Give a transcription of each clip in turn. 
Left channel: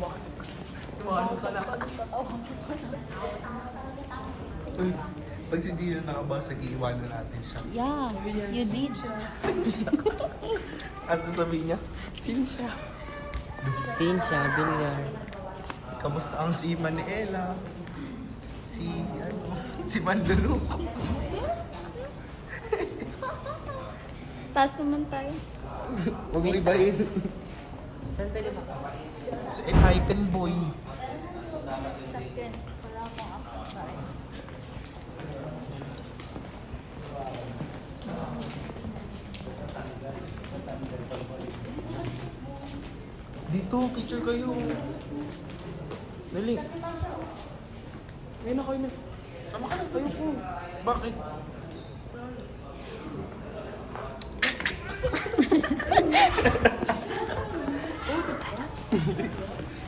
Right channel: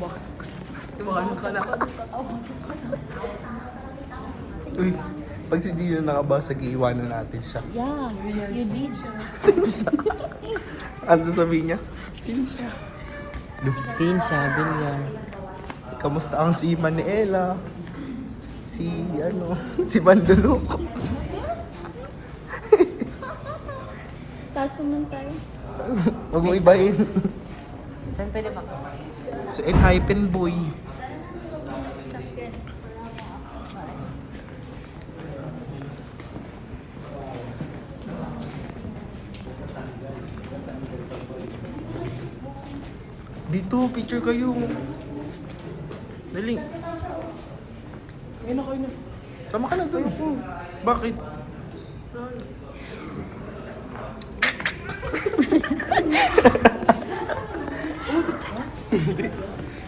Iwanan ka na. Uy, pag si Gino nakabasag, iiwanan natin siya. Yeah, you did. Ano sabihin niya? Sinsya. Sinsya, Bilyar. Kamusta ang si Manuela? Si si Bandulok. Taas naman tayo. Huwag mo ibahin. Sa Enhypen Boy. Dito, picture kayo. Dali. Ayun ako yun. Tama ka na doon. Bakit?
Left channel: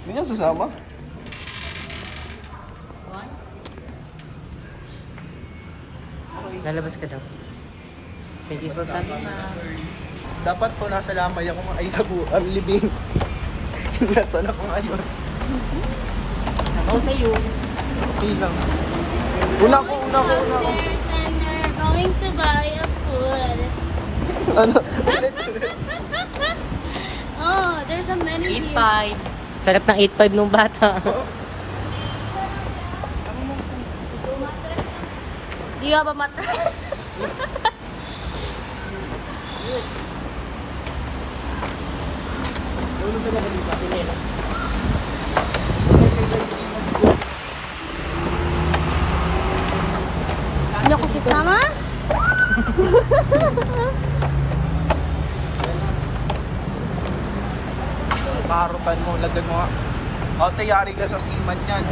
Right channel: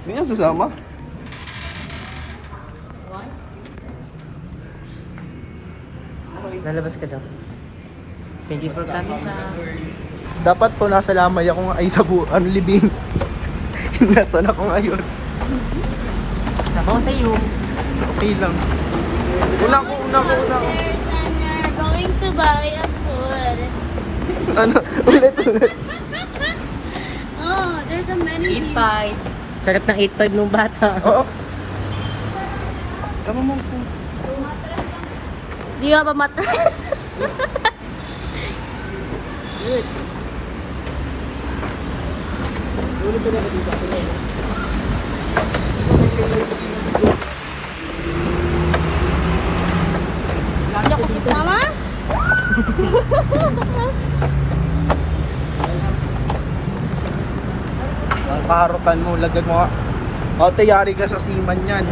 Hindi niya sasama? Lalabas ka daw. Thank you. Dapat po nasa lamay ako ay sa buong libing. Nasaan ako ngayon? Ako sa'yo. Okay lang. Una ko. Downstairs and you're going to buy a food. Ano? Ulit. Oh, there's a menu here. 8.5. Sarap ng 8.5 nung bata. Oo. Tama mo. Do you have a mattress? Sama? Ang kaharutan mo, lagyan mo nga. O, tayari ka sa siman yan.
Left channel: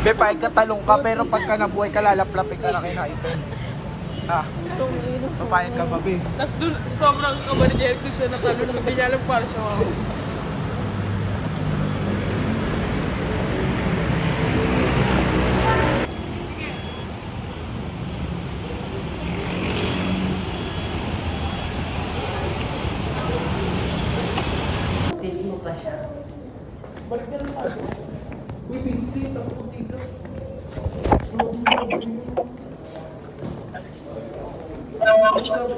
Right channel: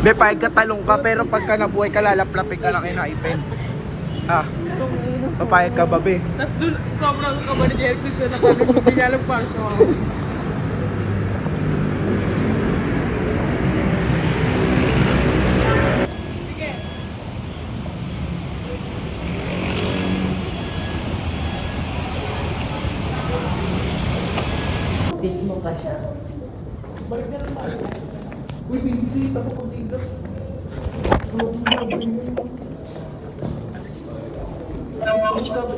May pagkatalong ka, pero pagka nabuhay ka, lalaplapin ka na kinaipin. Ha? Papayag ka ba, be? Tapos dun, sobrang kaba ni Jeric doon siya natalon. Hindi niya alam para siya ako. Date mo pa siya. Uy, Vinci, tapos ko dito.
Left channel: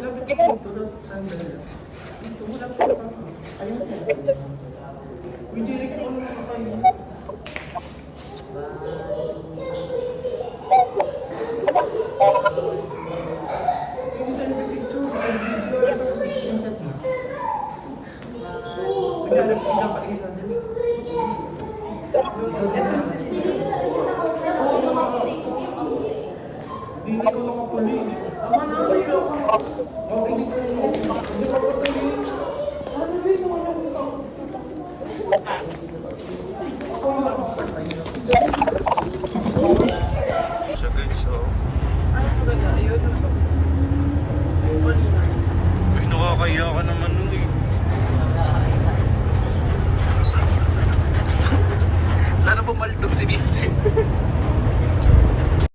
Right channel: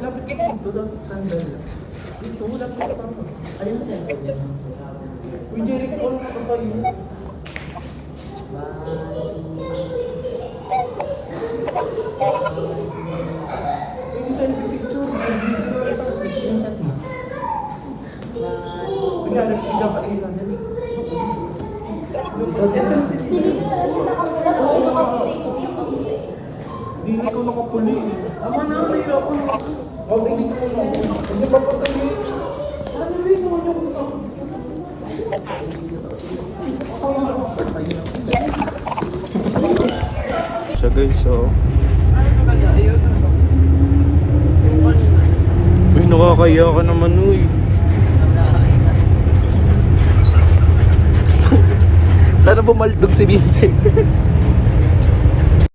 Lapit ka dito daw, sandal. Dito, lapit ka pa. Ano sa'yo? Uy, Jeric, all na tayo. Hindi tayo picture. Screenshot mo. Kunyari, ikapain na, dali. Hindi ko nakapuli. Ako na, nahirapan ako. Okay, dito ko na. Hindi pa patay yun. So guys, so uy, nakakaya ka naman, uy. Sana bumaldog si Vincent.